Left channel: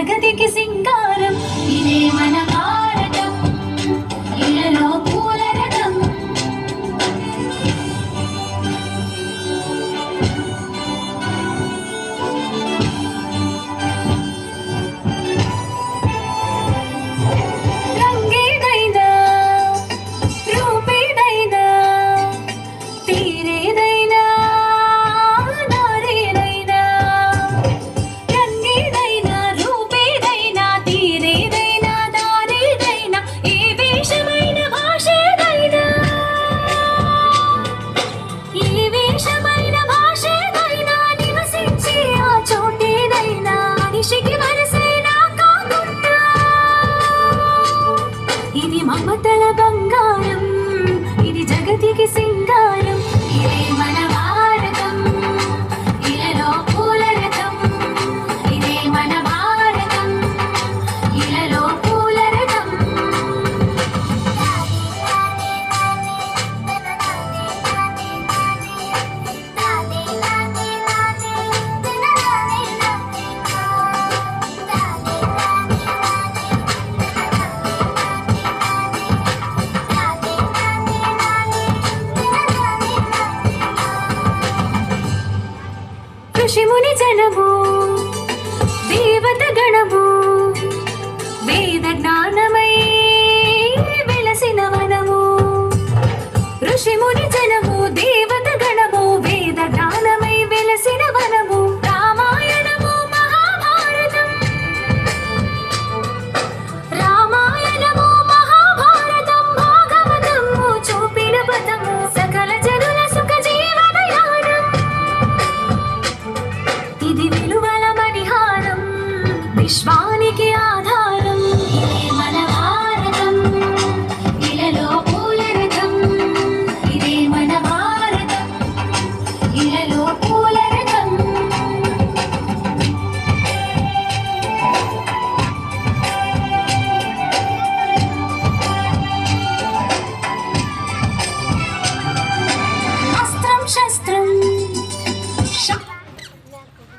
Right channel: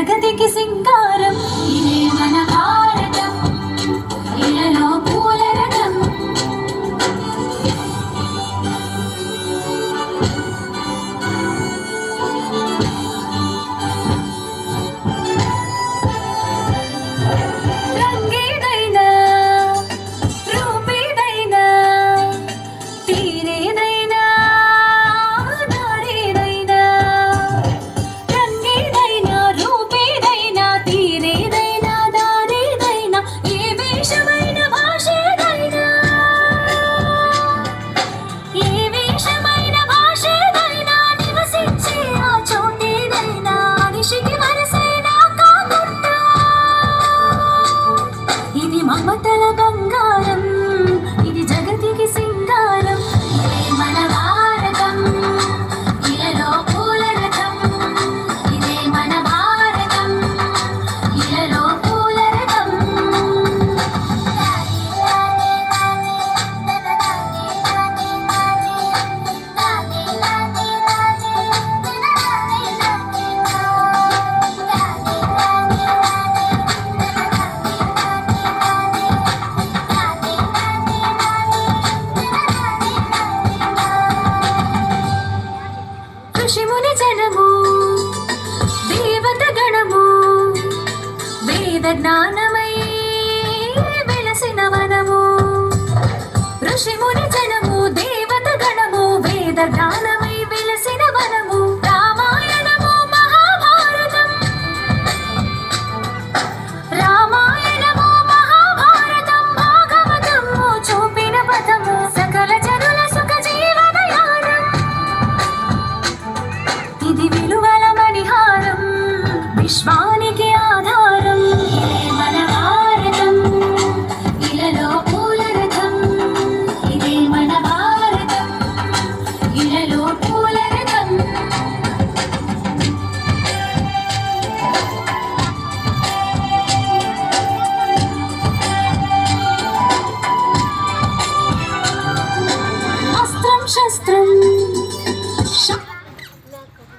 జగతికి సింగారం ఇదే మన భారతం ఇలలో పూల రథం రంగేదైనా రూపేదైనా తీరేదైనా దారేదైనా రంగేదైనా రూపేదైనా తీరేదైనా దారేదైనా ఏ వేషమైన భాషేదైనా ఏ వేషమైన భాషేదైనా నివసించే ఆ చోటేదైనా నిషికి వరసైనా కాకుండా ఇది మమతల బంగారం ఇది జగతికి సింగారం ఇదే మన భారతం ఇలలో పూల రథం ఇదే మన భారతం ఇలలో పూల రథం ఋషిముని జనము దేవత గణము వేద జ్ఞానమై వెలసిన వనము ఋషిముని జనము దేవత గణము వేద జ్ఞాన